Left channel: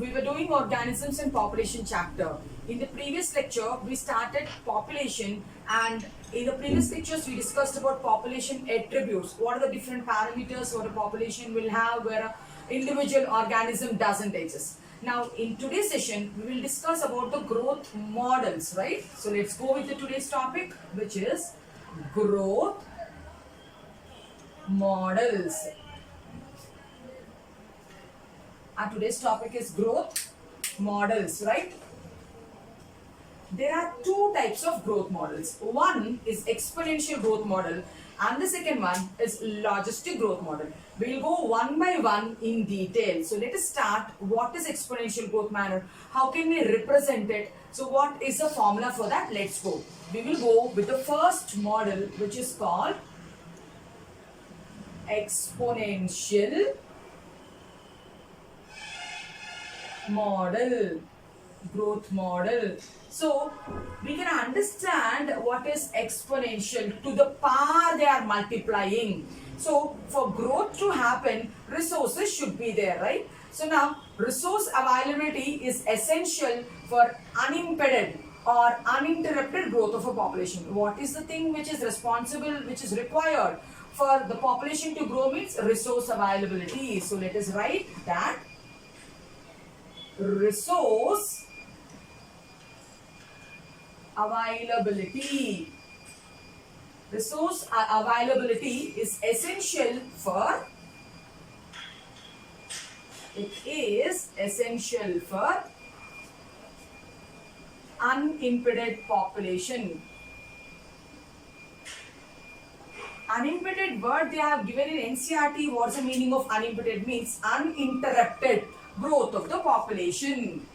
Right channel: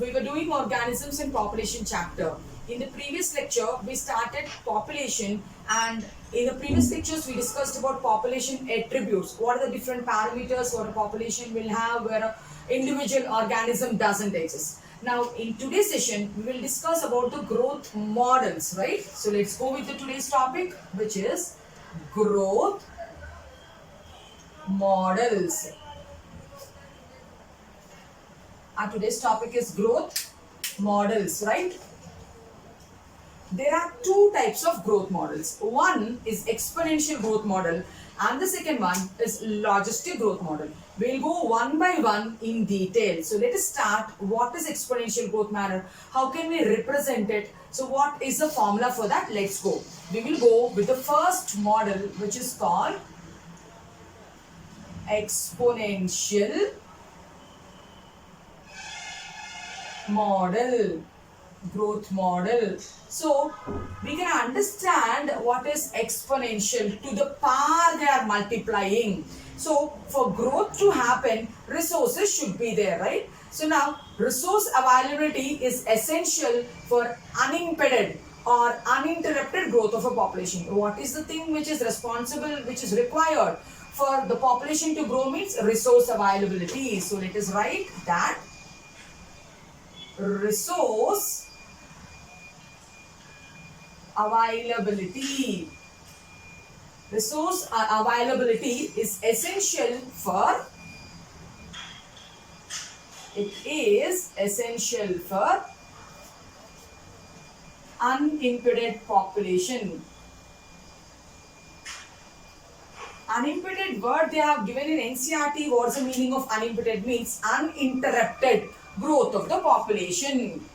we were doing organisms and population chapter. In the previous lecture, we started population, and in the previous lectures, we discussed about population attributes. What are the different parameters what a population will have where an individual organism doesn't exist. Now, in today's session, we will discuss about the growth models, right? So, let's go with the today's topic, which is growth models. Our today's topic is growth models, right? There are two types of growth models. One is exponential growth model and the second one is logistic growth model. We'll go one by one in detail. So let us start. What is exponential growth model? How can we represent it? So what is the formula for that? Let's go. We will go with the first model, which is called exponential model, growth model. So we can understand what is exponential. To the power they are multiplying. So for growth to happen, resources should be there, right? So now resource availability is essential for unimpeded or uninterrupted growth of a population. What is the thing which is responsible, which is required for the population to grow means resource availability. So let us write that resource availability. Resource availability is essential for unimpeded population. Unimpeded word they have given in NCERT. What's the meaning of unimpeded? Means uninterrupted growth of the population.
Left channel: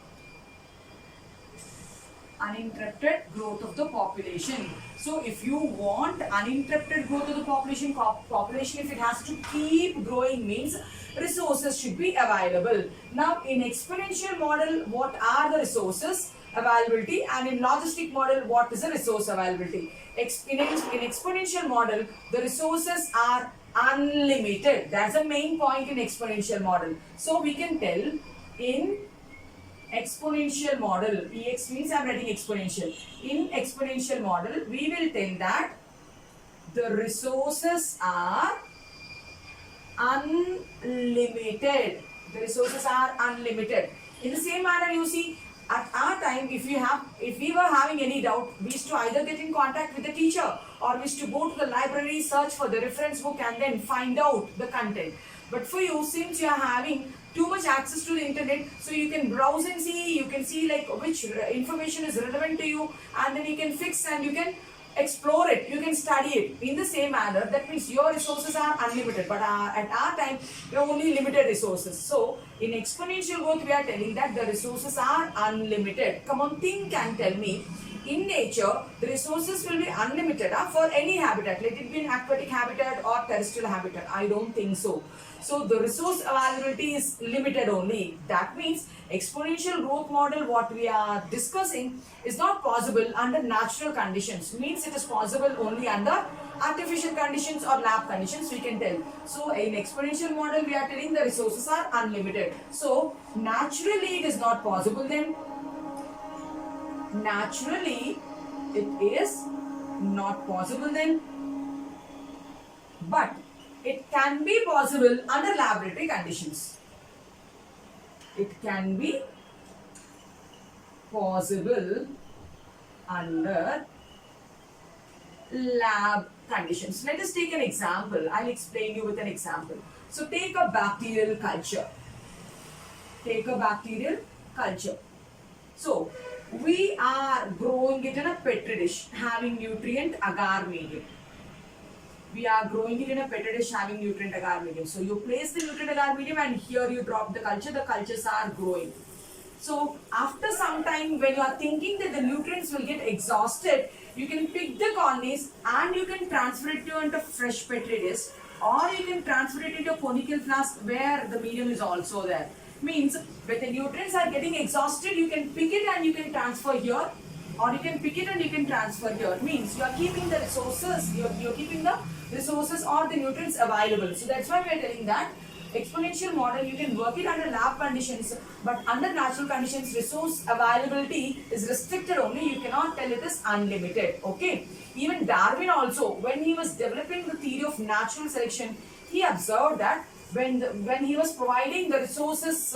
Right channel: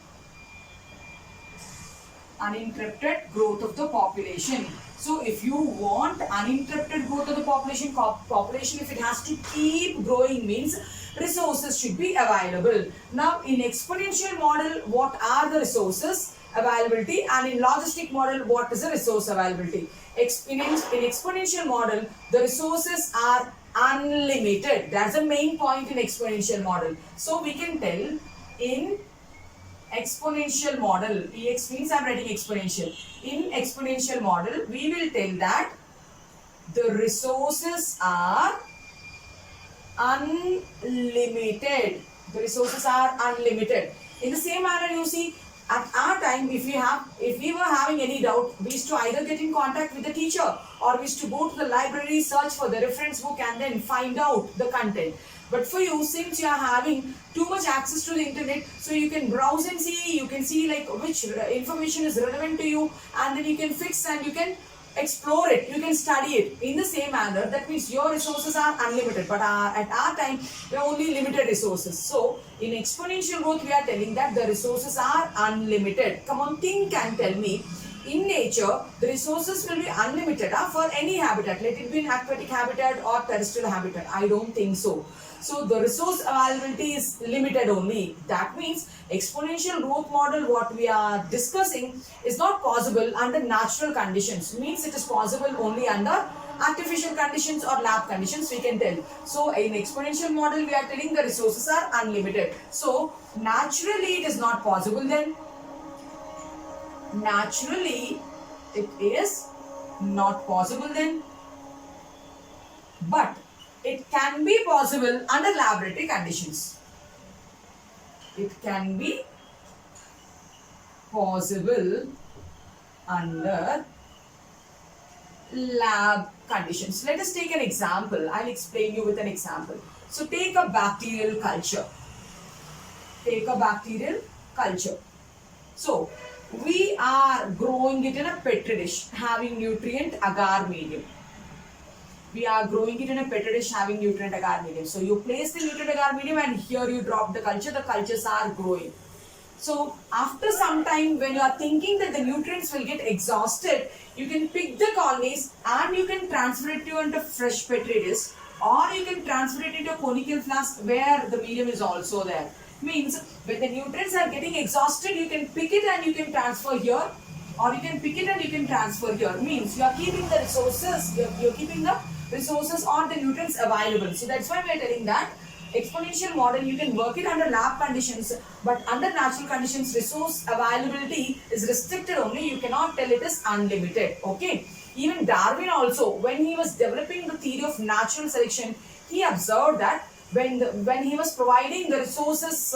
Uninterrupted growth of the population. So if you want uninterrupted growth of the population, if it has to keep growing means resources should be available. Now in exponential model, what are the resources availability, and in logistic model, what is the resource availability? In exponential model, the resources are unlimited. That's the main point in exponential model. So we can tell in exponential model, EX means I am writing exponential. In exponential model, we will tell that the resources are unlimited. The resources are unlimited. In the same manner, you see, at our time, if we were having any doubt, we used to either get in contact with the teacher or we used to go to the library, search for the reference book and then find out the content. But for you, since you are having too much access to the internet, so you can browse and see, you can see like which information is relevant to you, and then you can fix and you can explore it, you can study it. In the same manner, that means your resources are unlimited, but at our time, we are only limited resources. So in exponential growth, we are telling that the resources are unlimited. Come on, think and tell me. In nature, the resources will be unlimited for any habitat. Let it be an aquatic habitat or terrestrial habitat. I don't think so. So the resource availability is limited only. That means exponential growth model, what we are discussing, is not possible under natural conditions. Means it is possible only under artificial conditions or lab conditions, we can tell. So in exponential model, we are telling the resources are unlimited. So naturally it is not possible then. Naturally it is not possible then. But it can be possible under laboratory conditions. It can be possible under lab conditions. Let us take an example. I'll explain you with an example. So take a bacterial culture. Take a bacterial culture. So we are growing it in a petri dish having nutrient agar medium. We are growing it in a petri dish having nutrient agar medium. So you place the nutrient agar medium and here you drop the cultures are growing. So after some time, when you are thinking that the nutrients will get exhausted, you can pick the colonies and you can transfer it to into fresh petri dish, or you can transfer it into a conical flask where the medium is also there. Means when the nutrients are getting exhausted, you can pick it and you can transfer here, or you can pick it and you can transfer here. Means you are keeping the resources, you're keeping the resources or the nutrients available. So that's why we are telling that exponential model, you can work it under lab conditions, but under natural conditions, resource availability is restricted only. You cannot tell it is unlimited. Okay. Even Darwin also, when he was developing the theory of natural selection, he observed that when he was providing the resources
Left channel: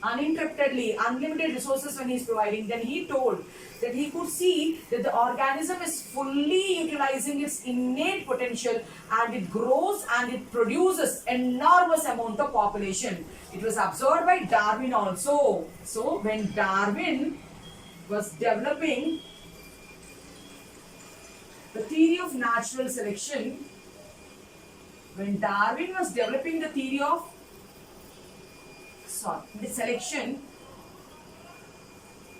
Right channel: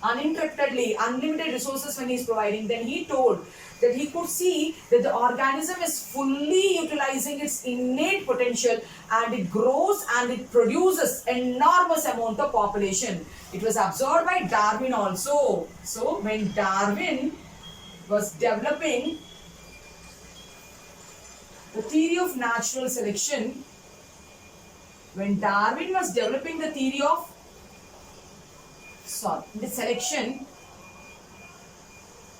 uninterruptedly, unlimited resources when he is providing, then he told that he could see that the organism is fully utilizing its innate potential, and it grows and it produces enormous amount of population. It was observed by Darwin also. So when Darwin was developing the theory of natural selection, when Darwin was developing the theory of the selection,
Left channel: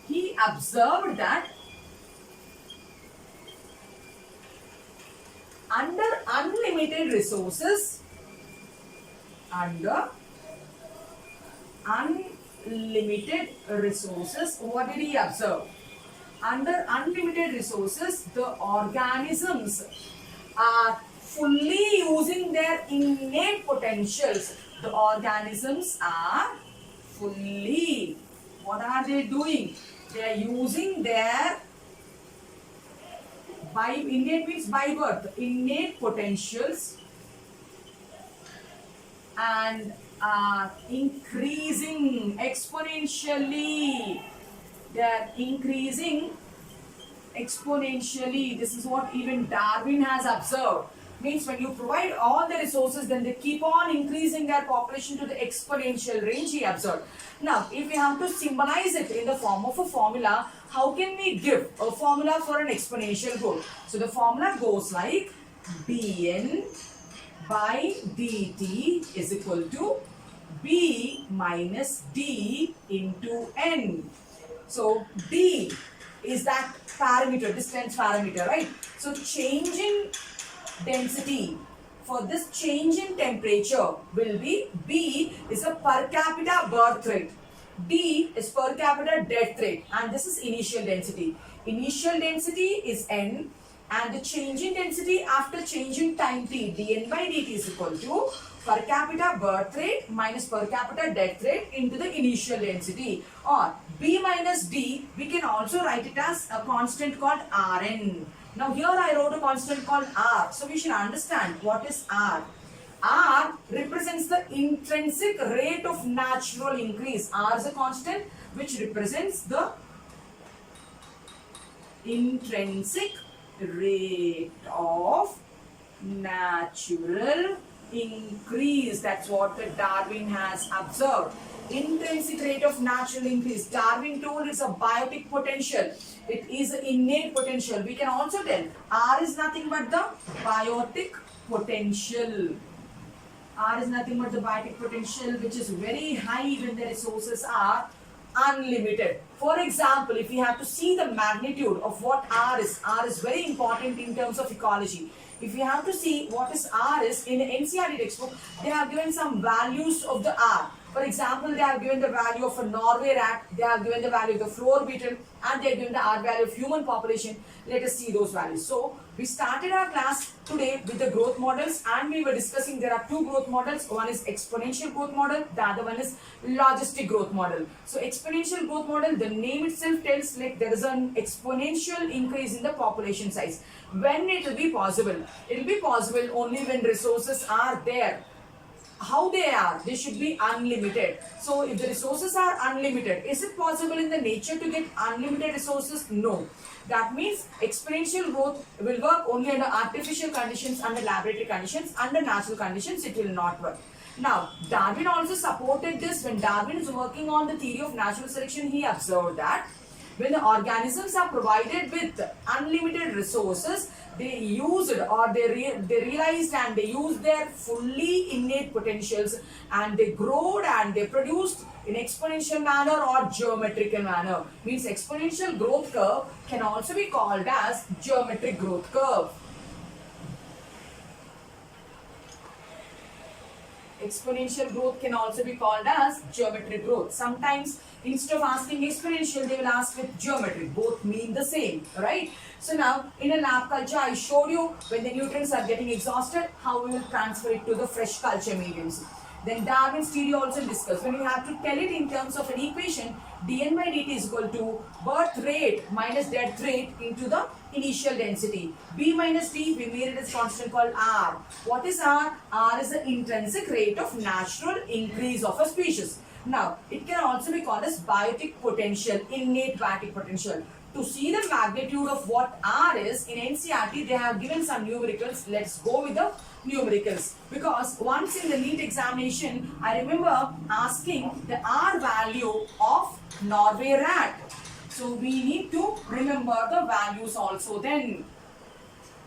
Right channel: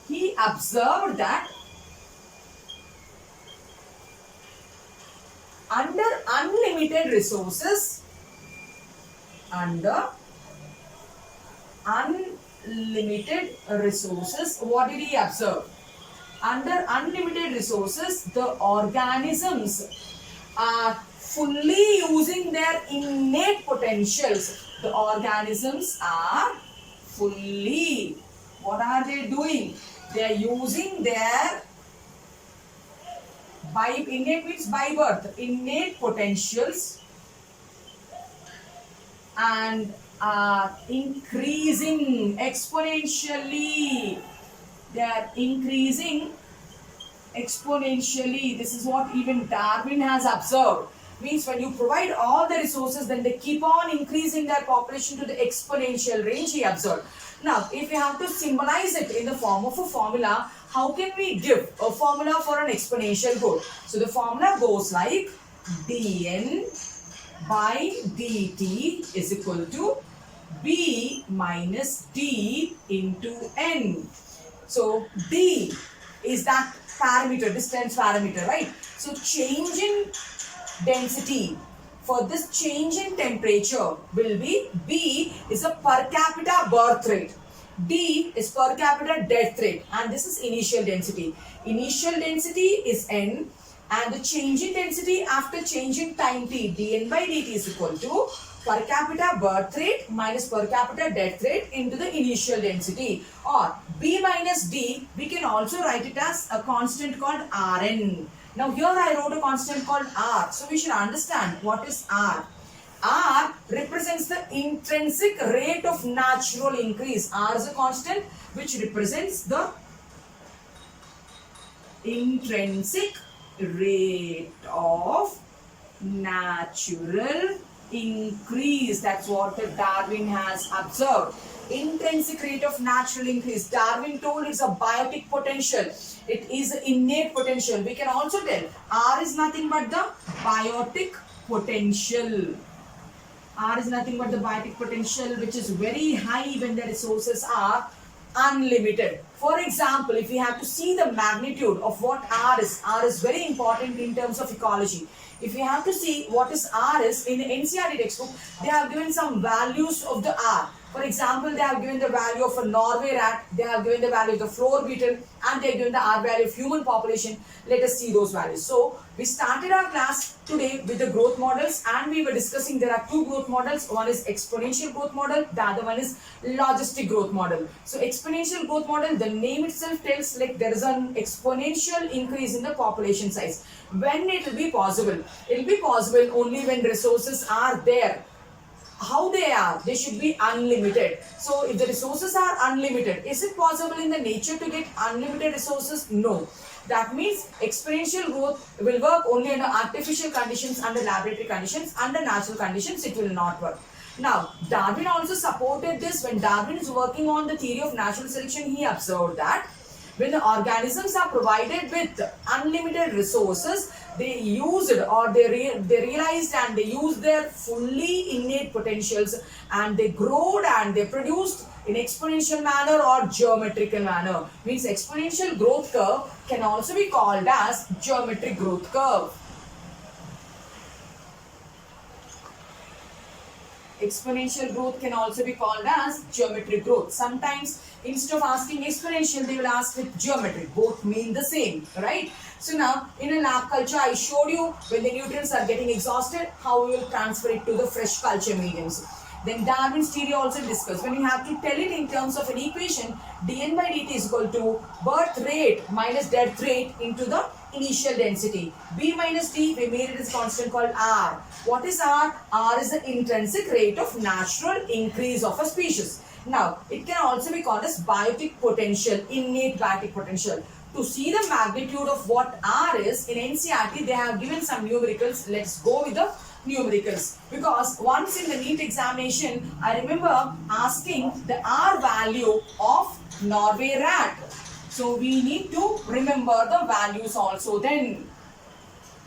he observed that under unlimited resources, what did he observe? Under unlimited resources, the organisms are fully using their innate potentials. The organisms are fully, what are they doing? They are using their innate means by birth, innate potentials, and are increasing exponentially. They are increasing exponentially. This is what even Darwin has observed. Means when you provide all the resources, then they keep on increasing their population to the exponential range, he observed. Now, if we have to symbolize it in the form of a formula, how can we give a formula for an exponential growth? So the formula goes like dn by dt is equal to b minus d into n. So d is that parameter, distance parameter, right? So change in density for this change in temperature will be, B is a per capita birth rate, D is per capita death rate, and this is initial density. Initial density is N, and the change in density after change in time t, dn by dt is equal to per capita birth rate minus per capita death rate into the initial density, or B minus D, we can also write it as a constant called Rn. Now here I wrote a constant called R. So we should understand what is R. R represents the intrinsic rate of natural increase. R is a constant which represents the intrinsic rate of natural increase. That's what Darwin has observed. Intrinsic rate of natural increase. Darwin told it's a biotic potential. It is innate potential. We can also tell R is nothing but the biotic potential. R is nothing but the biotic potential, which is very high when the resources are unlimited. For example, if we have to see the magnitude of what R is very important in terms of ecology. If we have to see what is R is, in the NCERT textbook, they have given some values of the R. For example, they have given the value of a Norway rat, they have given the value of the floor beetle, and they have given the R value of human population. Let us see those values. So, we started our class today with the growth models, and we were discussing there are two growth models. One is exponential growth model, the other one is logistic growth model. So, exponential growth model, the name itself tells like there is an exponential increase in the population size. When it will be possible? It will be possible only when resources are there. How they are? They should be unlimited. So if the resources are unlimited, is it possible in the nature to get unlimited resources? No. That means exponential growth will work only under artificial conditions, under laboratory conditions. Under natural conditions, it will not work. Now, Darwin also supported this. When Darwin is working on the theory of natural selection, he observed that when the organisms are provided with unlimited resources, they use it, or they realized and they used their fully innate potentials, and they growed and they produced in exponential manner or geometrical manner. Means exponential growth curve can also be called as geometric growth curve. Exponential growth can also be called as geometric growth. Sometimes instead of asking exponential, they will ask with geometric. Both mean the same, right? So now in a lab culture, I showed you when the nutrients are getting exhausted, how we will transfer it to the fresh culture mediums. Then Darwin's theory also discussed. When you have to tell it in terms of an equation, dn by dt is equal to birth rate minus death rate into the initial density. B minus D, we made it as constant called R. What is R? R is the intrinsic rate of natural increase of a species. Now, it can also be called as biotic potential, innate biotic potential. To see the magnitude of what R is, in NCERT, they have given some numericals. Let's go with the numericals. Because once in the NEET examination, I remember asking the R value of Norway rat. So we need to remember the values also then.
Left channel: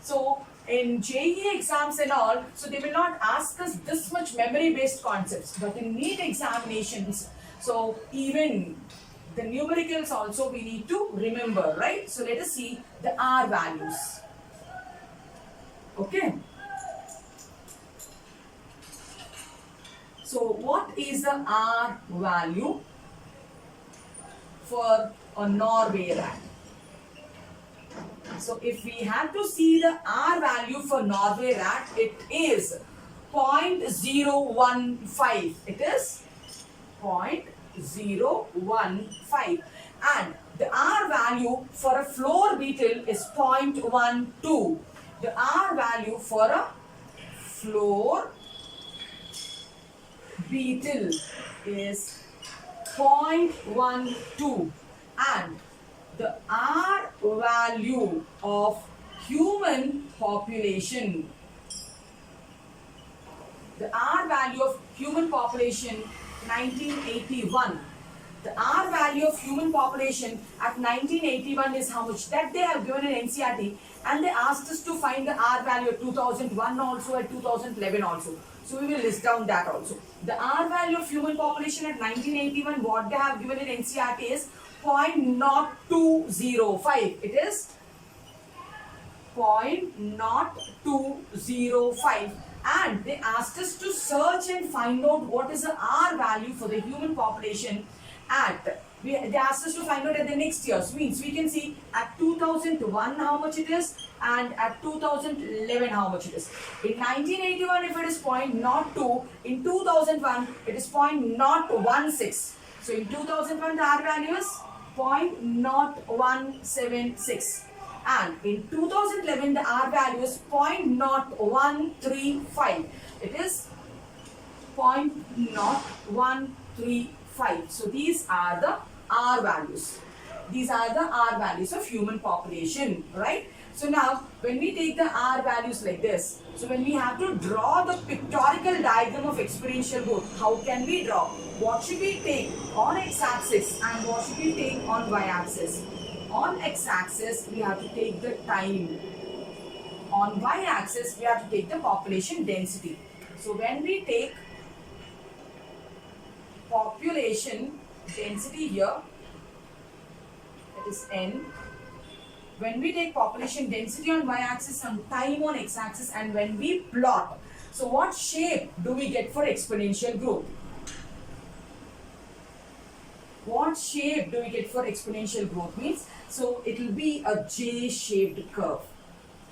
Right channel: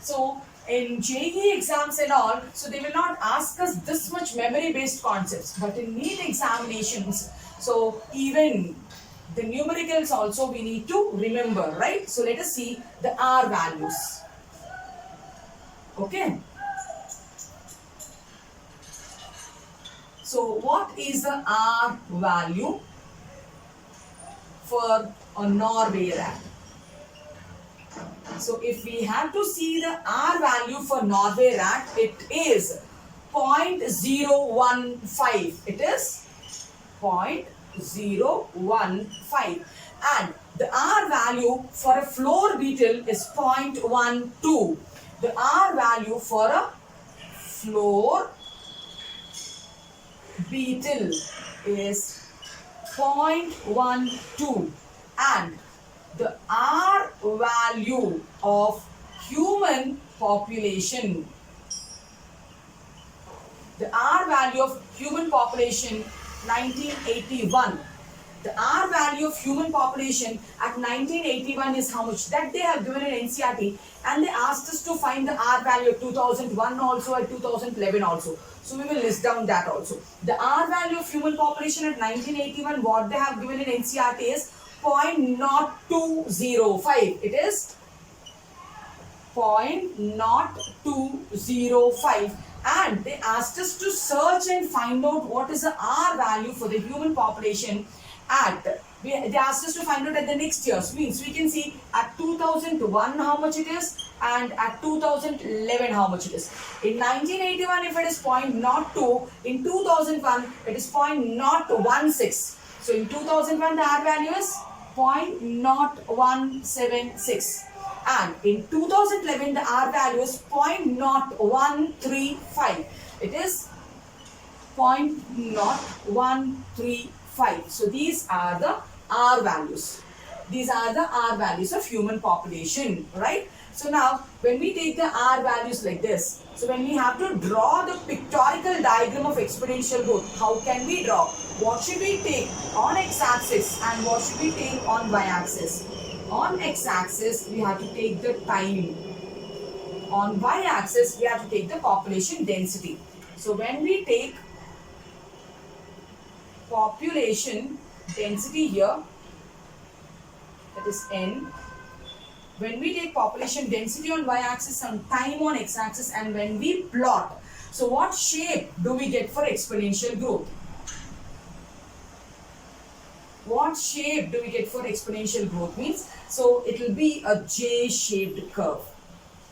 So in JEE exams and all, so they will not ask us this much memory based concepts. But in NEET examinations, so even the numericals also we need to remember, right? So let us see the R values. Okay. So what is the R value for a Norway rat? So if we have to see the R value for Norway rat, it is 0.015. It is 0.015. And the R value for a floor beetle is 0.12. The R value for a floor beetle is 0.12. And the R value of human population, the R value of human population 1981. The R value of human population at 1981 is how much? That they have given in NCERT, and they asked us to find the R value at 2001 also, at 2011 also. So we will list down that also. The R value of human population at 1981, what they have given in NCERT is 0.0205. It is 0.0205. And they asked us to search and find out what is the R value for the human population they asked us to find out at the next year. So means we can see at 2001 how much it is and at 2011 how much it is. In 1981 if it is 0.02, in 2001 it is 0.016. So in 2001 the R value is 0.0176. And in 2011 the R value is 0.0135. It is 0.0135. So these are the R values. These are the R values of human population, right? So now when we take the R values like this, so when we have to draw the pictorial diagram of exponential growth, how can we draw? What should we take on x-axis and what should we take on y-axis? On x-axis, we have to take the time. On y-axis, we have to take the population density. So when we take population density here, that is n. When we take population density on y-axis and time on x-axis, and when we plot, so what shape do we get for exponential growth? What shape do we get for exponential growth means? So it will be a J-shaped curve.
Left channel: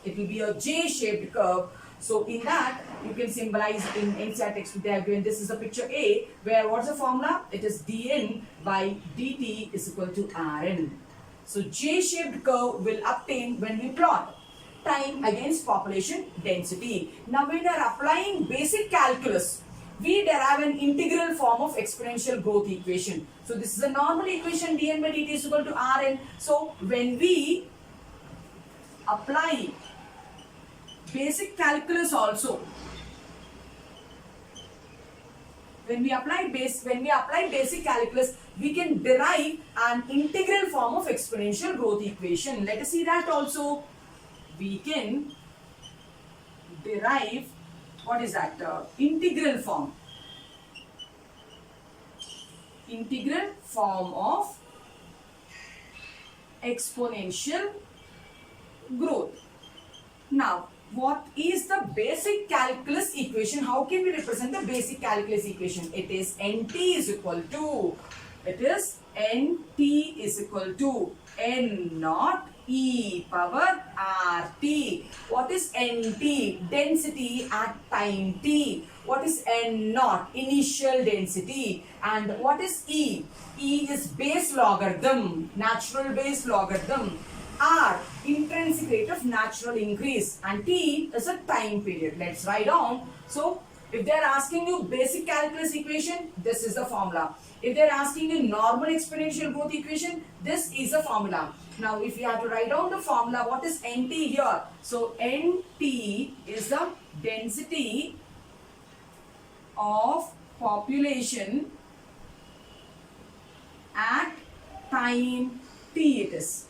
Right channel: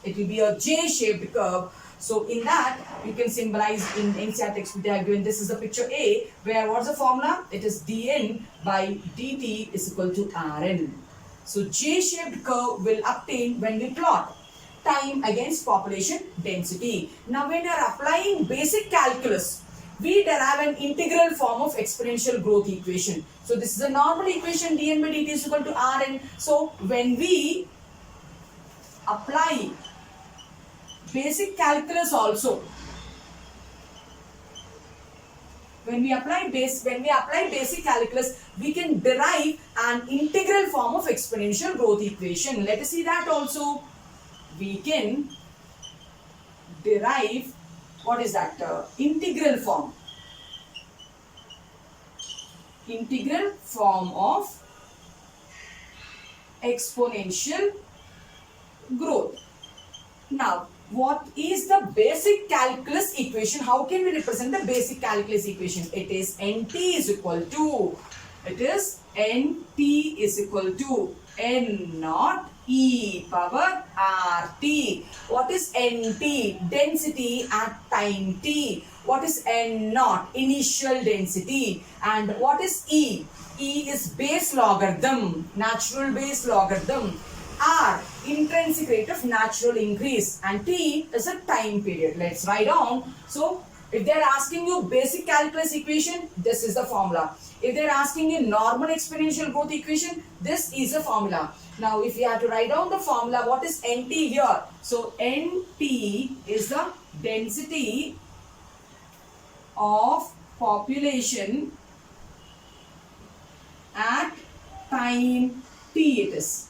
It will be a J-shaped curve. So in that, you can symbolize in NCERT textbook they have given this is a picture A, where what's the formula? It is dn by dt is equal to Rn. So J-shaped curve will obtain when we plot time against population density. Now when you are applying basic calculus, we derive an integral form of exponential growth equation. So this is a normal equation, dn by dt is equal to Rn. So when we apply basic calculus also, when we apply basic calculus, we can derive an integral form of exponential growth equation. Let us see that also. We can derive, what is that? Integral form. Integral form of exponential growth. Now, what is the basic calculus equation? How can we represent the basic calculus equation? It is NT is equal to, it is NT is equal to N naught E power RT. What is NT? Density at time T. What is N naught? Initial density. And what is E? E is base logarithm, natural base logarithm. R, intrinsic rate of natural increase. And T is a time period. Let's write down. So, if they are asking you basic calculus equation, this is the formula. If they are asking you normal exponential growth equation, this is the formula. Now, if you have to write down the formula, what is NT here? So, NT is the density of population at time T it is.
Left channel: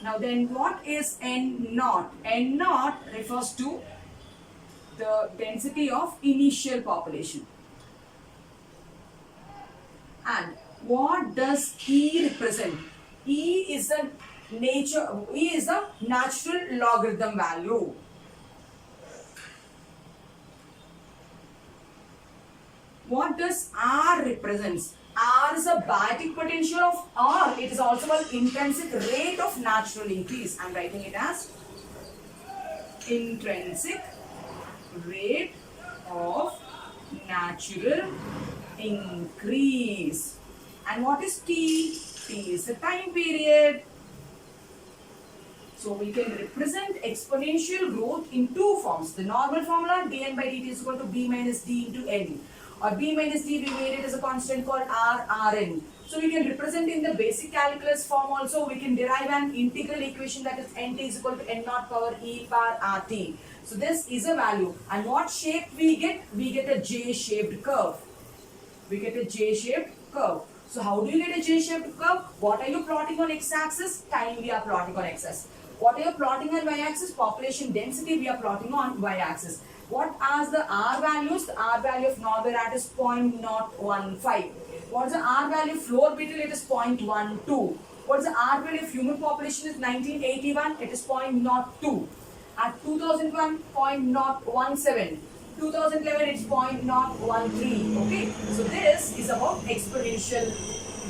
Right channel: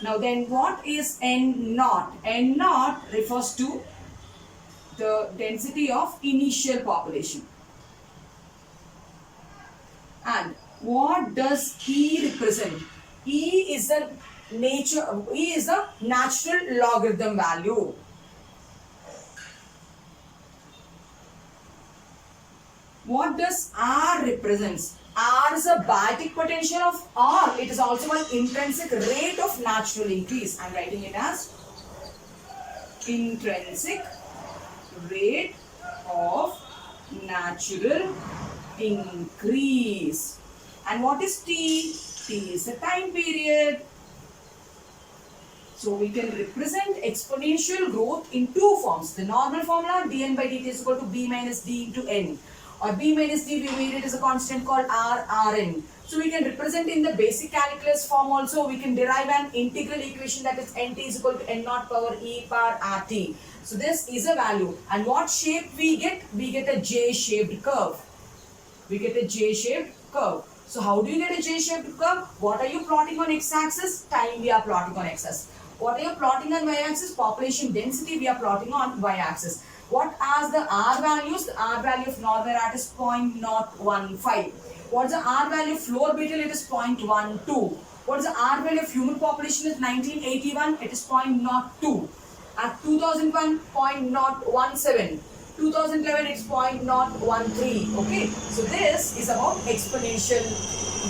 Now, then what is N naught? N naught refers to the density of initial population. And what does E represent? E is the natural logarithm value. What does R represents? R is a biotic potential of R. It is also an intrinsic rate of natural increase. I am writing it as intrinsic rate of natural increase. And what is T? T is the time period. So we can represent exponential growth in two forms. The normal formula, dn by dt is equal to b minus d into n. Or b minus d, we made it as a constant called Rn. So we can represent in the basic calculus form also. We can derive an integral equation, that is nt is equal to n naught power e power rt. So this is a value. And what shape we get? We get a J-shaped curve. We get a J-shaped curve. So how do you get a J-shaped curve? What are you plotting on x-axis? Time we are plotting on x-axis. What are you plotting on y-axis? Population density we are plotting on y-axis. What are the R values? The R value of normal rat is 0.015. What is the R value of floor beetle? It is 0.12. What is the R value of human population? Is 1981. It is 0.02. At 2001, 0.017. 2011, it's 0.013. Okay. So this is about exponential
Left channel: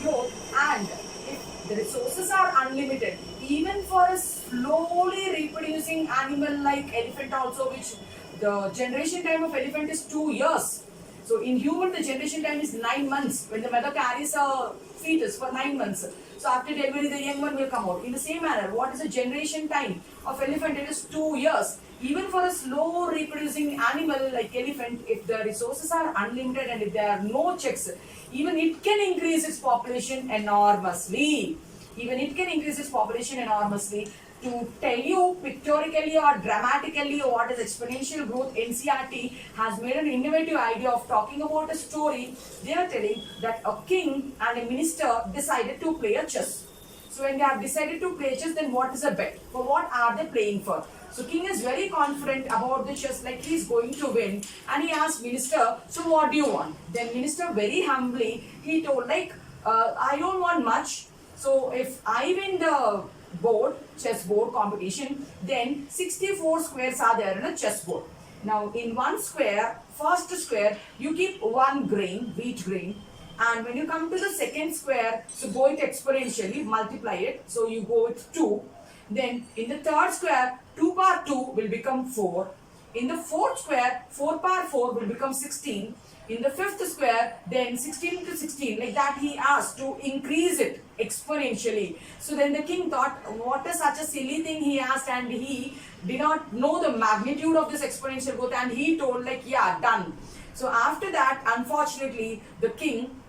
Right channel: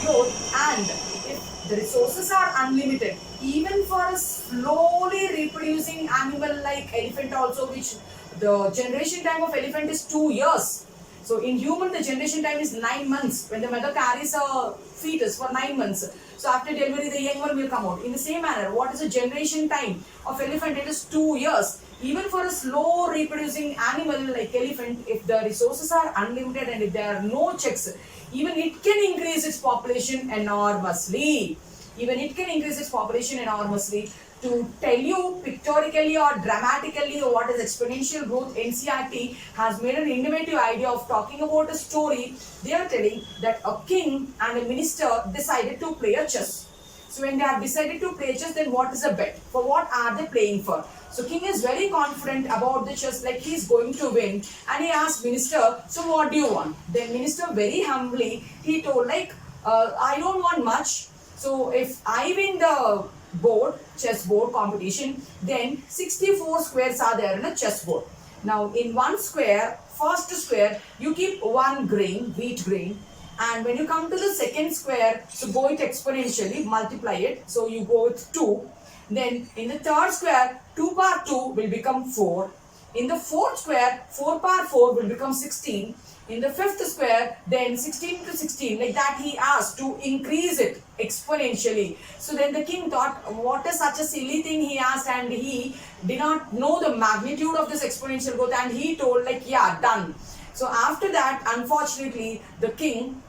growth. And if the resources are unlimited, even for a slowly reproducing animal like elephant also, which the generation time of elephant is 2 years. So in human, the generation time is 9 months. When the mother carries a fetus for 9 months. So after delivery, the young one will come out. In the same manner, what is the generation time of elephant? It is 2 years. Even for a slow reproducing animal like elephant, if the resources are unlimited and if there are no checks, even it can increase its population enormously. Even it can increase its population enormously. To tell you pictorially or dramatically what is exponential growth, NCRT has made an innovative idea of talking about a story. They are telling that a king and a minister decided to play a chess. So when they have decided to play chess, then what is a bet? For what are they playing for? So king is very confident about the chess, like he is going to win, and he asked minister, so what do you want? Then minister very humbly, he told like, I don't want much. So if I win the chess board competition, then 64 squares are there in a chess board. Now in one square, first square, you keep one grain, wheat grain, and when you come to the second square, so go it exponentially, multiply it, so you go with 2. Then in the third square, 2 power 2 will become 4. In the fourth square, 4 power 4 will become 16. In the fifth square, then 16 to 16, like that he asked to increase it exponentially. So then the king thought, what is such a silly thing he asked, and he did not know the magnitude of this exponential growth, and he told like, yeah, done. So after that, unfortunately, the king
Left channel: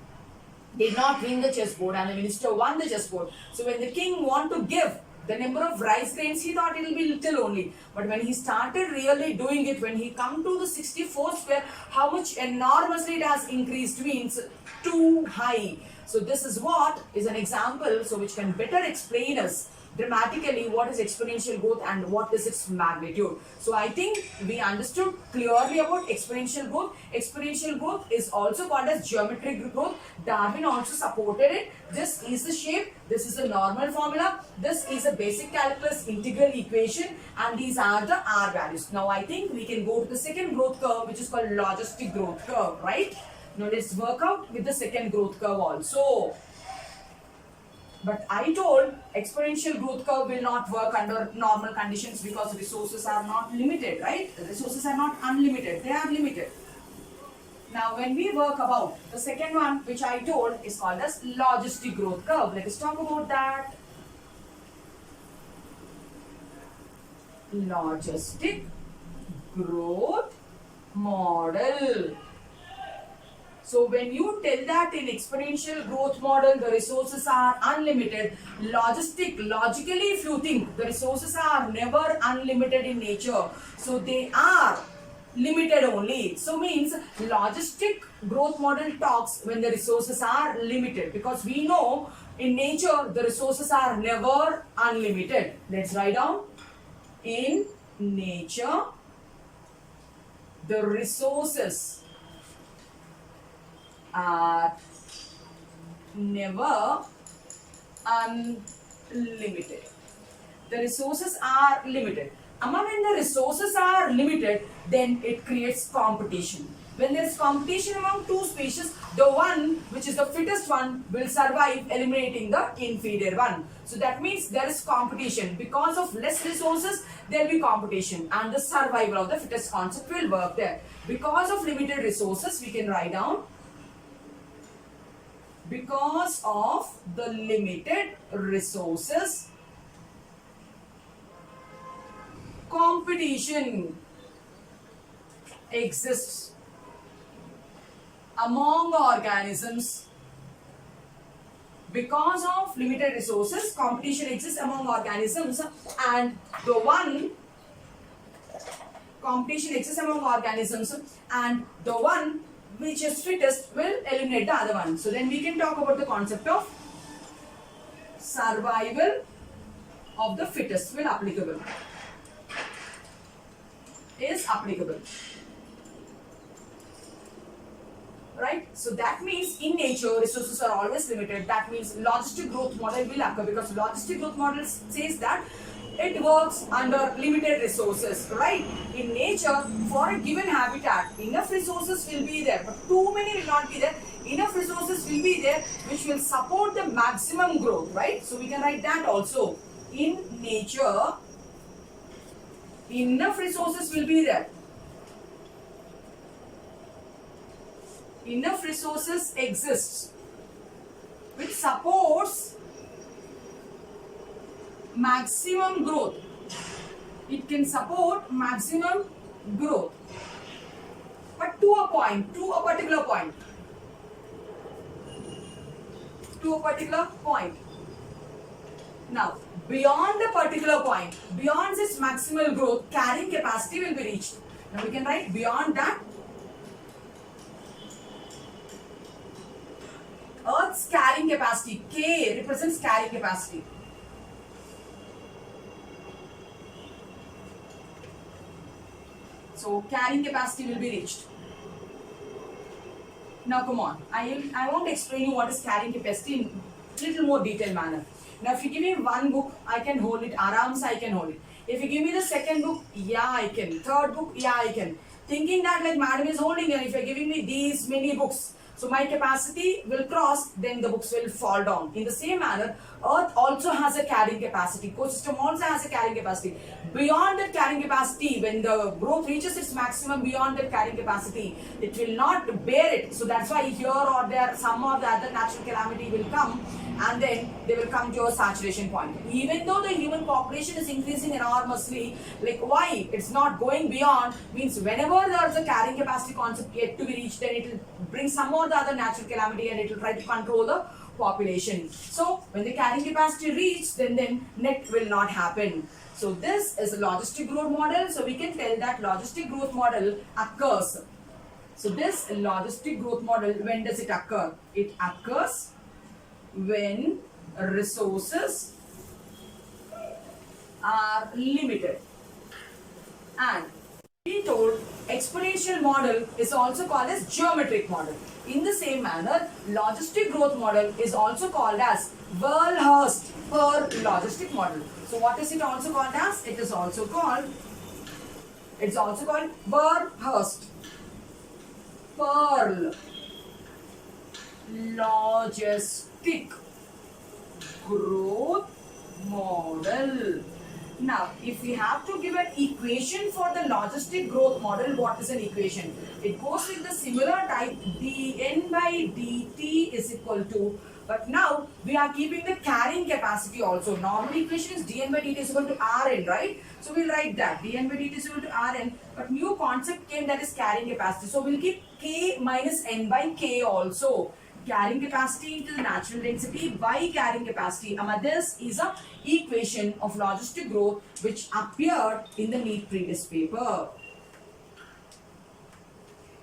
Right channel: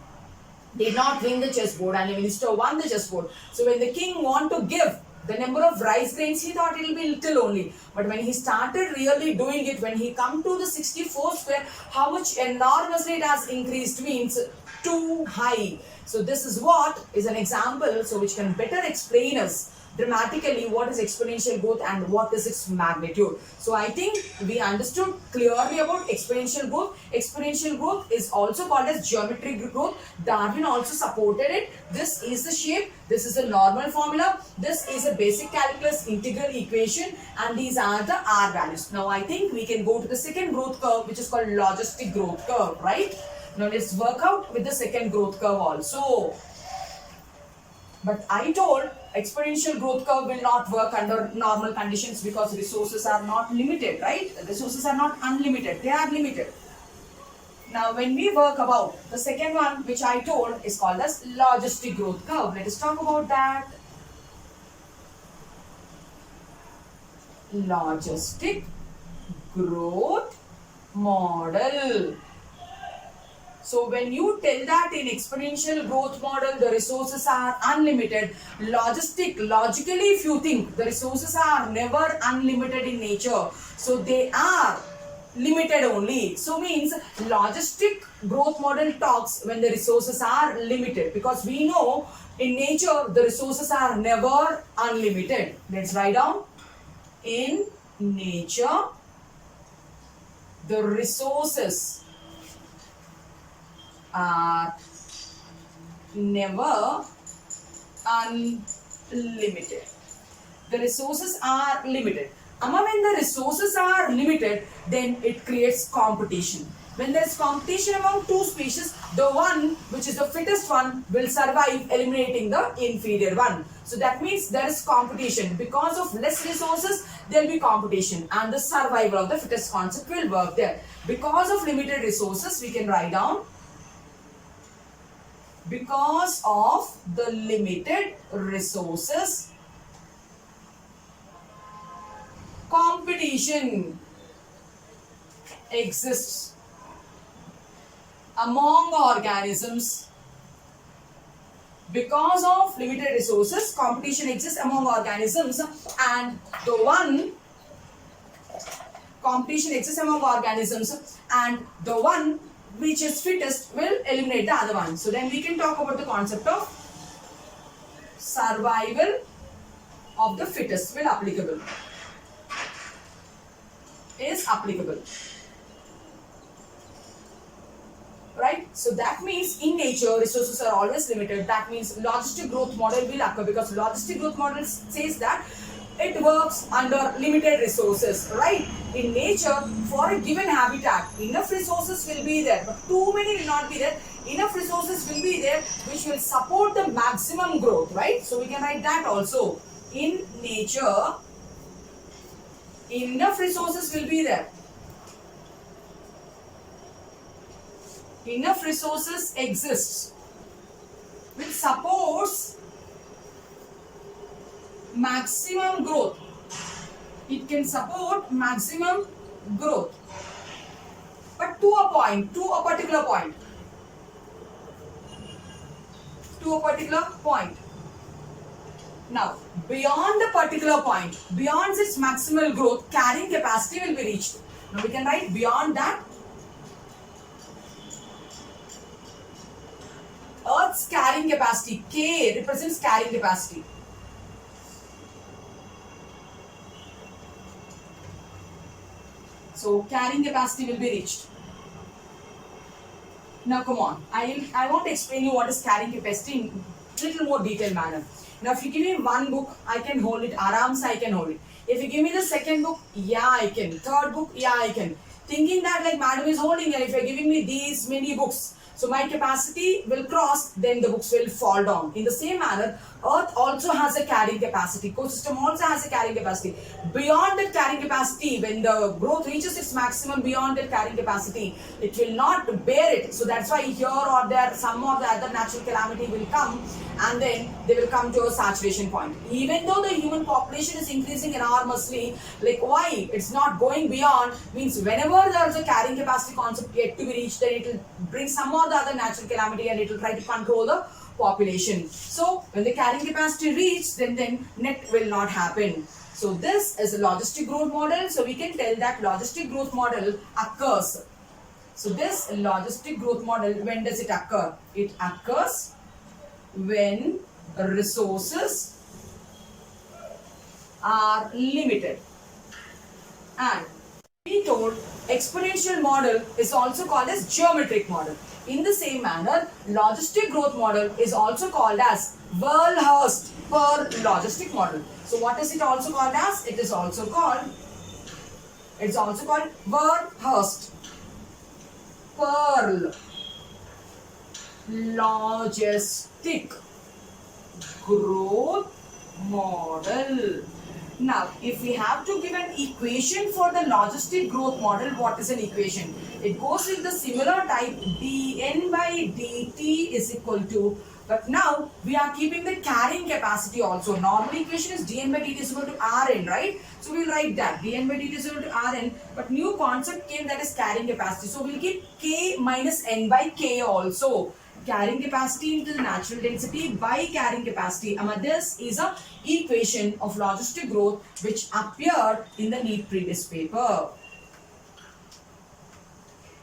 did not win the chessboard and the minister won the chessboard. So when the king want to give the number of rice grains, he thought it will be little only. But when he started really doing it, when he come to the 64 square, how much enormously it has increased means too high. So this is what is an example, so which can better explain us dramatically what is exponential growth and what is its magnitude. So I think we understood clearly about exponential growth. Exponential growth is also called as geometric growth. Darwin also supported it. This is the shape, this is a normal formula, this is a basic calculus integral equation, and these are the R values. Now I think we can go to the second growth curve, which is called logistic growth curve, right? Now let's work out with the second growth curve also. But I told exponential growth curve will not work under normal conditions because resources are not limited, right? Resources are not unlimited, they are limited. Now, when we work about the second one, which I told is called as logistic growth curve. Let us talk about that. Logistic growth model. So when you tell that in exponential growth model, the resources are unlimited, logically if you think, the resources are never unlimited in nature. So they are limited only. So means logistic growth model talks when the resources are limited, because we know in nature the resources are never unlimited. Let's write down. In nature, the resources are never unlimited. The resources are limited. Amma, when the resources are limited, then it creates competition. When there is competition among two species, the one which is the fittest one will survive, eliminating the inferior one. So that means there is competition. Because of less resources, there will be competition, and the survival of the fittest concept will work there. Because of limited resources, we can write down, because of the limited resources, competition exists among organisms. Because of limited resources, competition exists among organisms, and the one competition exists among organisms, and the one which is fittest will eliminate the other one. So then we can talk about the concept of survival of the fittest will applicable. Is applicable. Right? So that means in nature resources are always limited. That means logistic growth model will occur, because logistic growth model says that it works under limited resources, right? In nature, for a given habitat, enough resources will be there, but too many will not be there. Enough resources will be there which will support the maximum growth, right? So we can write that also. In nature, enough resources will be there. Enough resources exists which supports maximum growth. It can support maximum growth, but to a point, to a particular point. To a particular point. Now, beyond the particular point, beyond its maximal growth, carrying capacity will be reached. Now we can write beyond that. Earth's carrying capacity, K represents carrying capacity. So carrying capacity will be reached. Now come on, I want to explain you what is carrying capacity in little more detailed manner. Now if you give me one book, I can hold it, arams I can hold it. If you give me the second book, yeah I can. Third book, yeah I can. Thinking that like madam is holding, and if you are giving me these many books, so my capacity will cross, then the books will fall down. In the same manner, Earth also has a carrying capacity. Ecosystem also has a carrying capacity. Beyond that carrying capacity, when the growth reaches its maximum beyond that carrying capacity, it will not bear it. So that's why here or there, some or the other natural calamity will come, and then they will come to a saturation point. Even though the human population is increasing enormously, like why it's not going beyond, means whenever there is a carrying capacity concept yet to be reached, then it will bring some or the other natural calamity, and it will try to control the population. So when the carrying capacity reaches, then net will not happen. So this is a logistic growth model. So we can tell that logistic growth model occurs. So this logistic growth model, when does it occur? It occurs when resources are limited. And we told exponential model is also called as geometric model. In the same manner, logistic growth model is also called as Verhulst Perl logistic model. So what is it also called as? It is also called Verhulst Perl logistic growth model. Now, if we have to give an equation for the logistic growth model, what is an equation? It goes with the similar type, dN by dt is equal to, but now we are keeping the carrying capacity also. Normal equation is dN by dt is equal to Rn, right? So we'll write that dN by dt is equal to Rn, but new concept came, that is carrying capacity. So we'll keep K minus N by K also. Carrying capacity into the natural density by carrying capacity. This is a equation of logistic growth which appeared in the NEET previous paper.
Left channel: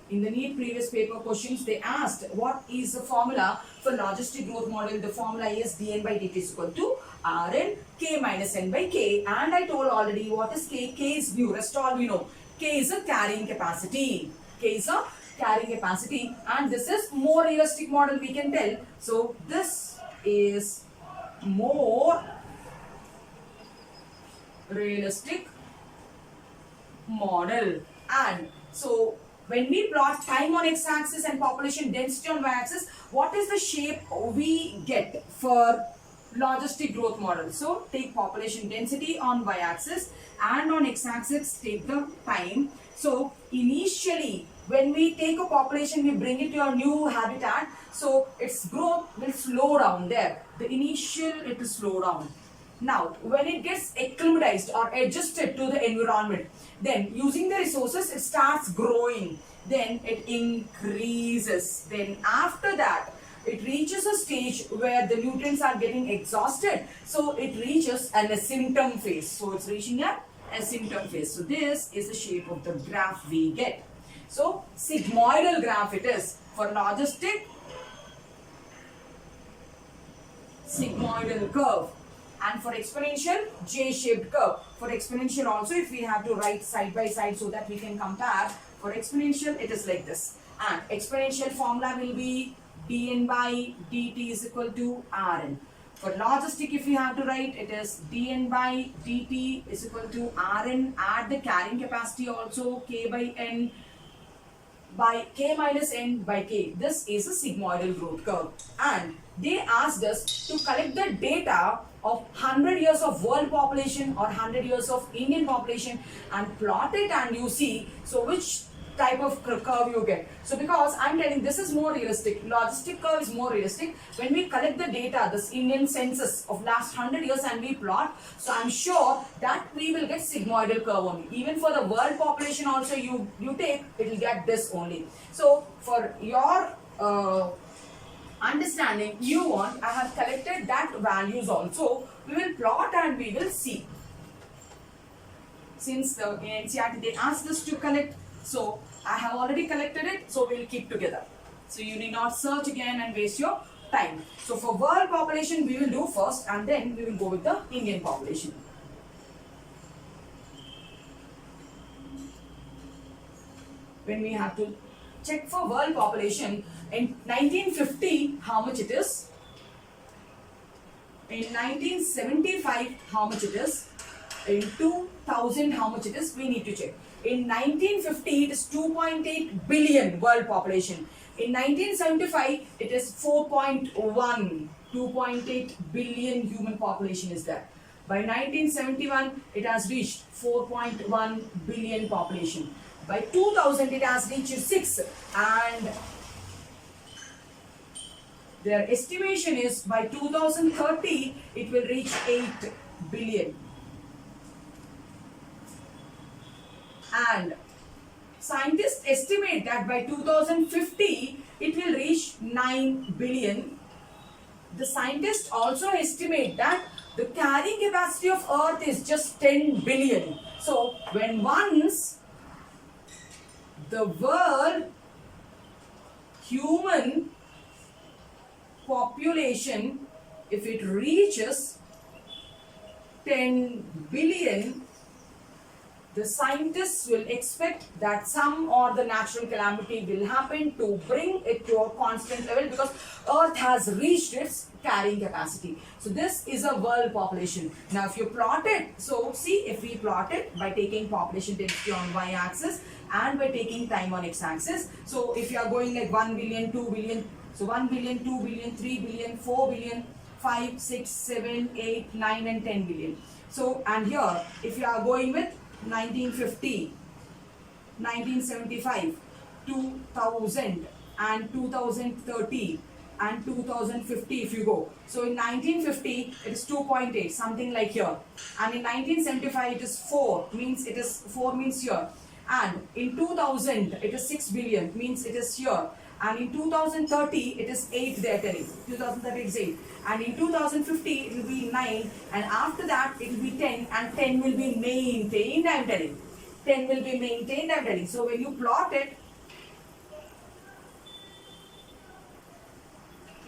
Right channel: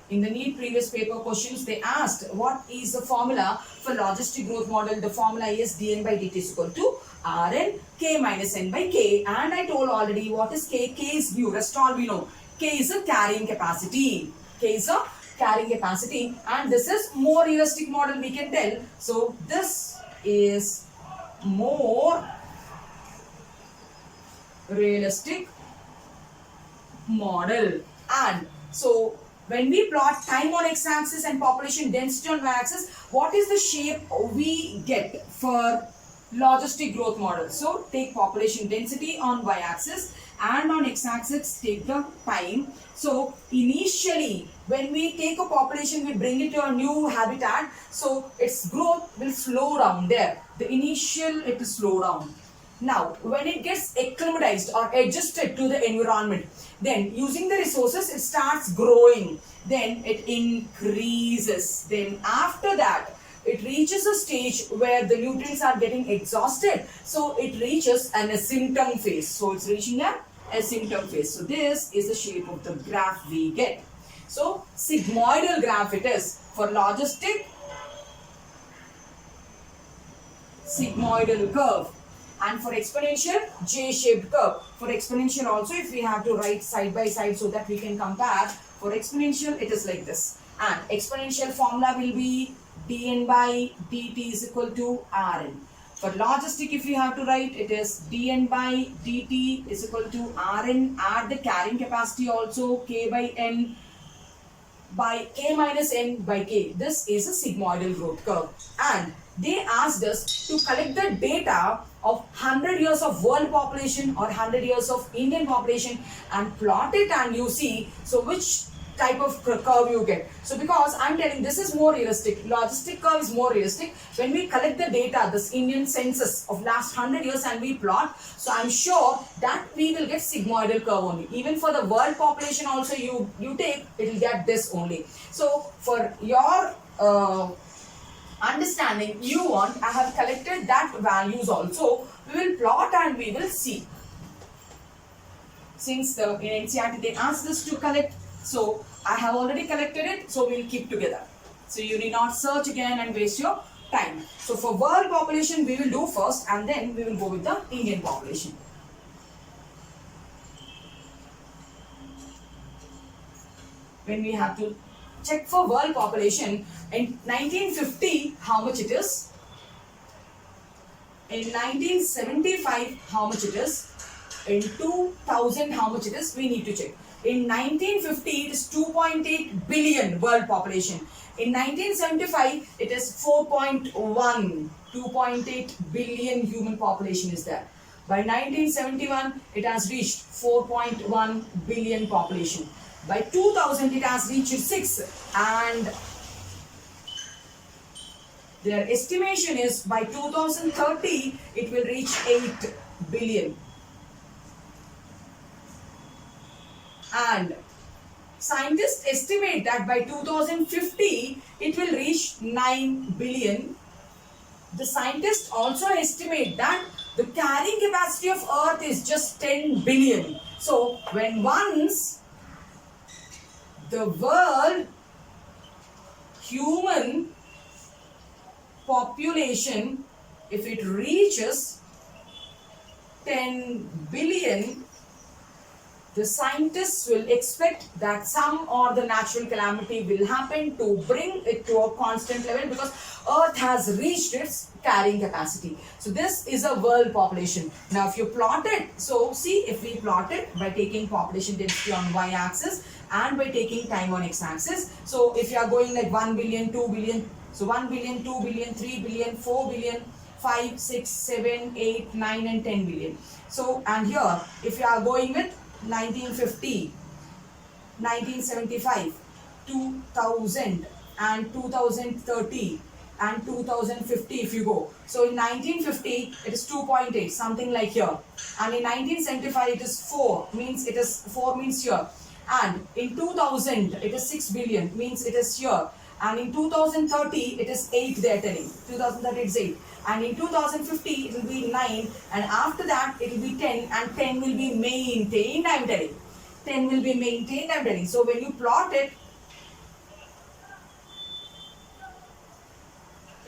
In the NEET previous paper questions, they asked what is the formula for logistic growth model. The formula is dN by dt is equal to Rn K minus N by K, and I told already what is K. K is new, rest all we know. K is a carrying capacity. K is a carrying capacity, and this is more realistic model, we can tell. So this is more realistic model. And so when we plot time on x-axis and population density on y-axis, what is the shape we get for logistic growth model? So take population density on y-axis and on x-axis take the time. So initially when we take a population, we bring it to a new habitat, so its growth will slow down there. The initial, it will slow down. Now when it gets acclimatized or adjusted to the environment, then using the resources it starts growing, then it increases. Then after that it reaches a stage where the nutrients are getting exhausted, so it reaches an asymptom phase. So it's reaching an asymptom phase. So this is the shape of the graph we get. So sigmoidal graph it is. For logistic, sigmoidal curve, and for exponential, J-shaped curve. For exponential also, if we have to write side by side so that we can compare, for exponential it is like this, and exponential formula will be dN by dt is equal to Rn. For logistic, if we have to write, it is dN by dt is equal to Rn, add the carrying capacity also, K by N by K minus N by K. This is a sigmoidal growth curve, and they asked us to collect the data of 100 years of world population or 100 years of Indian population and plot it, and you see so which type of curve you get. So because I'm telling this is more realistic, logistic curve is more realistic. When we collect the data, this Indian census of last 100 years and we plot, so I'm sure that we will get sigmoidal curve only. Even for the world population also you take, it will get this only. So for your understanding, I have collected that values also. We will plot and we will see. Since in NCERT they asked us to collect, so I have already collected it, so we'll keep together. So you need not search again and waste your time. So for world population we will do first, and then we will go with the Indian population. When we have to check for world population, in 1950 how much it is, in 1975 how much it is, in 2000 how much it is, we need to check. In 1950 it is 2.8 billion world population. In 1975 it is 2.8 billion human population is there. By 1971 it has reached 4.1 billion population. By 2000 it has reached 6, and their estimation is by 2030 it will reach 8 billion. And scientists estimate that by 2050 it will reach 9 billion. The scientists also estimate that the carrying capacity of Earth is just 10 billion. So when once the world human population, if it reaches 10 billion, the scientists will expect that some or the natural calamity will happen to bring it to a constant level, because Earth has reached its carrying capacity. So this is a world population. Now if you plot it, so see, if we plot it by taking population density on y-axis and by taking time on x-axis, so if you are going like 1 billion, 2 billion, so 1 billion, 2 billion, 3 billion, 4 billion, 5, 6, 7, 8, 9 and 10 billion. So, and here if you are going with 1950, 1975, 2000 and 2030 and 2050 if you go. So in 1950 it is 2.8, something like here, and in 1975 it is 4, means it is 4 means here, and in 2000 it is 6 billion, means it is here, and in 2030 it is 8, they are telling 2030 it is 8, and in 2050 it will be 9, and after that it will be 10, and 10 will be maintained, I am telling. 10 will be maintained, I am telling. So when you plot it,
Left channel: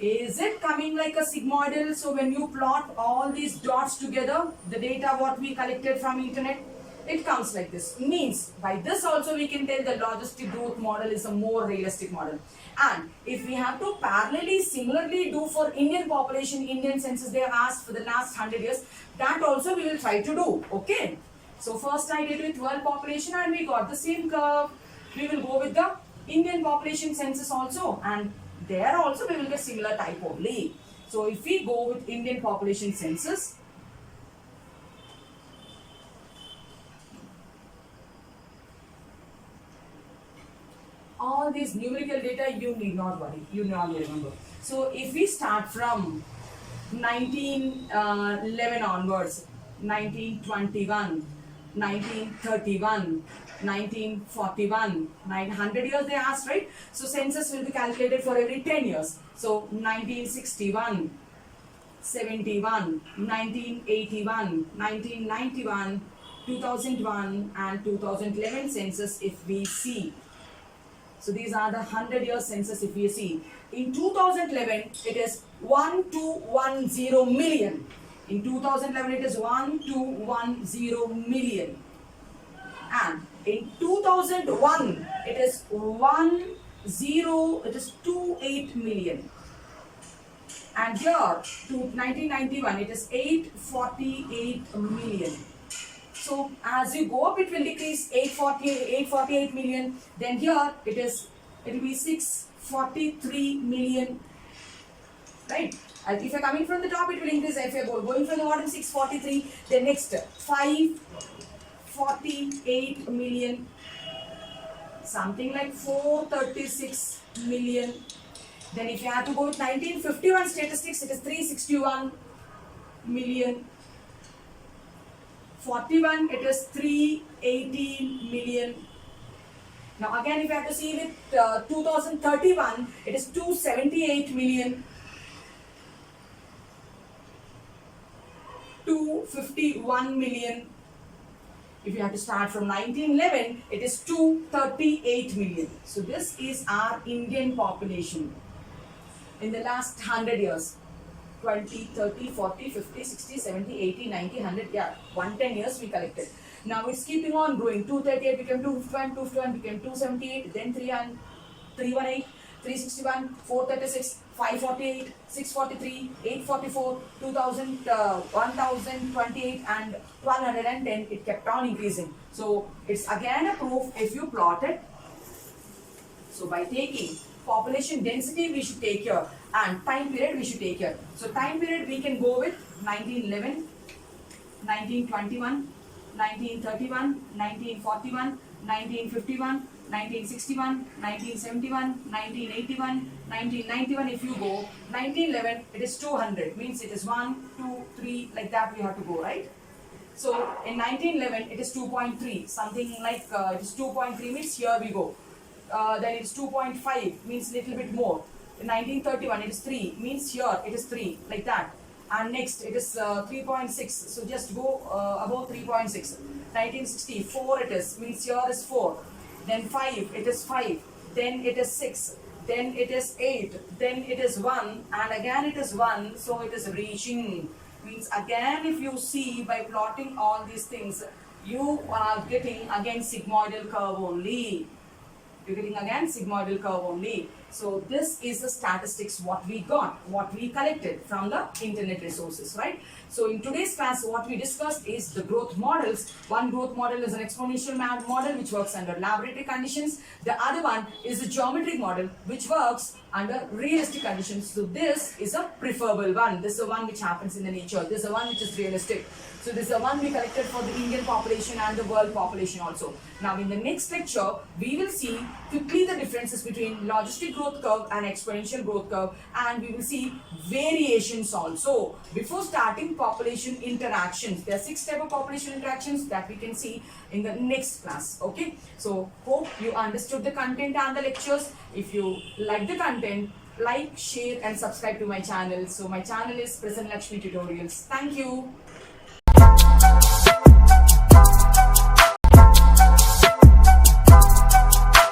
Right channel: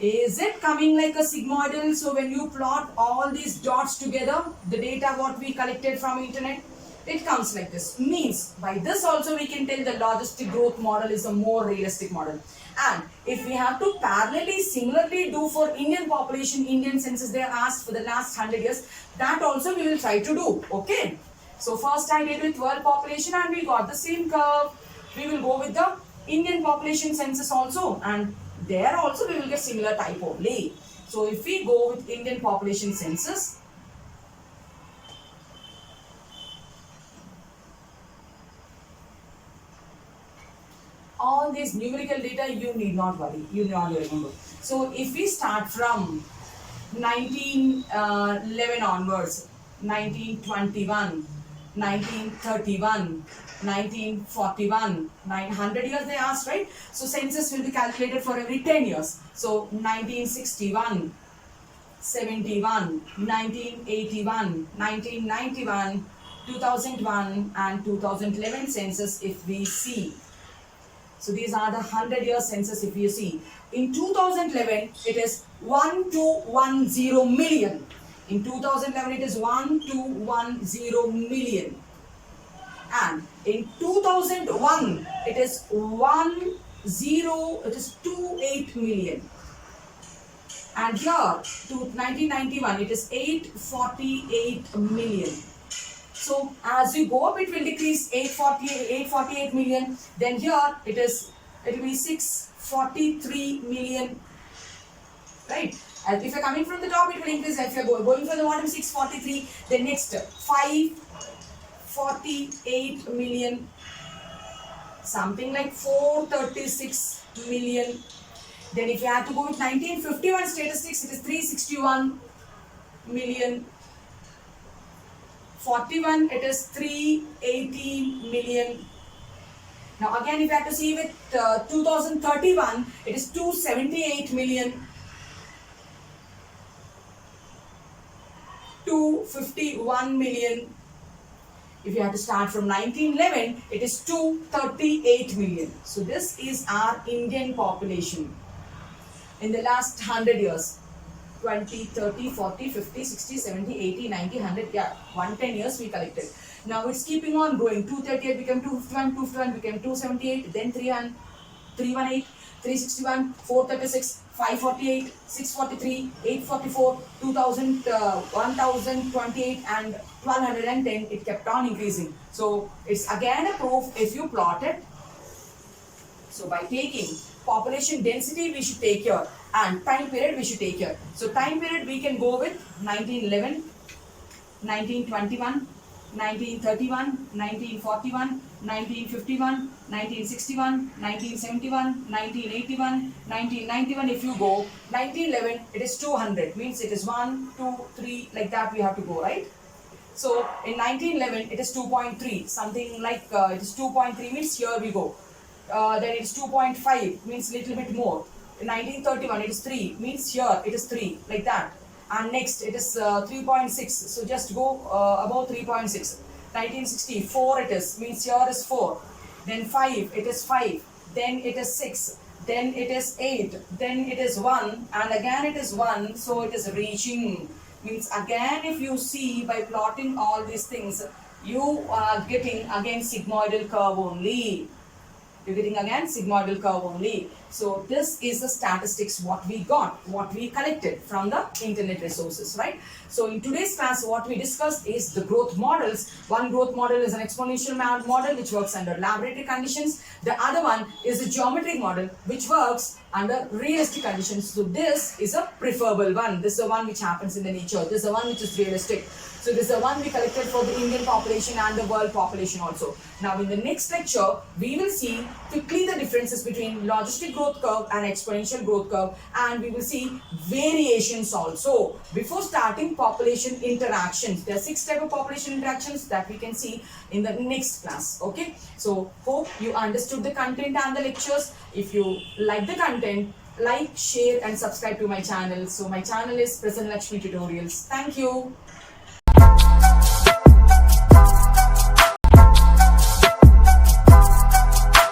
is it coming like a sigmoidal? So when you plot all these dots together, the data what we collected from internet, it comes like this. Means by this also we can tell the logistic growth model is a more realistic model. And if we have to parallelly, similarly do for Indian population, Indian census they are asked for the last 100 years, that also we will try to do. Okay. So first I did with world population and we got the same curve. We will go with the Indian population census also, and there also we will get similar type only. So if we go with Indian population census, all these numerical data you need not worry, you need not remember. So if we start from 1911 onwards, 1921, 1931, 1941, 900 years they asked, right? So census will be calculated for every 10 years. So 1961, 71, 1981, 1991, 2001 and 2011 census if we see. So these are the 100-year census if you see. In 2011 it is 1210 million. In 2011 it is 1210 million. And in 2001 it is 28 million. And here to 1991 it is 848 million. So as we go up it will decrease 848 million. Then here it will be 643 million. Right? As if you are coming from the top it will increase. If you are going from the bottom 643, then next 548 million, something like 436 million. Then if you have to go with 1951 statistics, it is 361 million. 41 it is 318 million. Now again if you have to see with 2031 it is 278 million. 251 million. If you have to start from 1911 it is 238 million. So this is our Indian population in the last 100 years. 20, 30, 40, 50, 60, 70, 80, 90, 100, yeah, 110 years we collected. Now it's keeping on growing. 238 became 251, 251 became 278, then 318, 361, 436, 548, 643, 844, 2000, 1028 and 1210. It kept on increasing. So it's again a proof if you plot it. So by taking population density we should take here, and time period we should take here. So time period we can go with 1911, 1921, 1931, 1941, 1951, 1961, 1971, 1981, 1991. If you go 1911 it is 200, means it is 1, 2, 3 like that we have to go, right? So in 1911 it is 2.3, something like it is 2.3 means here we go. Then it is 2.5 means little bit more. In 1931 it is 3 means here it is 3 like that. And next it is 3.6, so just go above 3.6. 1964 it is, means here is 4. Then 5 it is 5. Then it is 6. Then it is 8. Then it is 1 and again it is 1, so it is reaching. Means again if you see by plotting all these things you are getting again sigmoidal curve only. you're getting again sigmoidal curve only. So this is the statistics what we got, what we collected from the internet resources, right? So in today's class, what we discussed is the growth models. One growth model is an exponential model which works under laboratory conditions. The other one is a geometric model which works under realistic conditions. So this is a preferable one. This is the one which happens in the nature. This is the one which is realistic. So this is the one we collected for the Indian population and the world population also. Now in the next lecture, we will see quickly the differences between logistic growth curve and exponential growth curve, and we will see variations also. Before starting population interactions, there are 6 types of population interactions that we can see in the next class. Okay, so hope you understood the content and the lectures. If you like the content, like, share and subscribe to my channel. So my channel is Prasanna Lakshmi Tutorials. Thank you.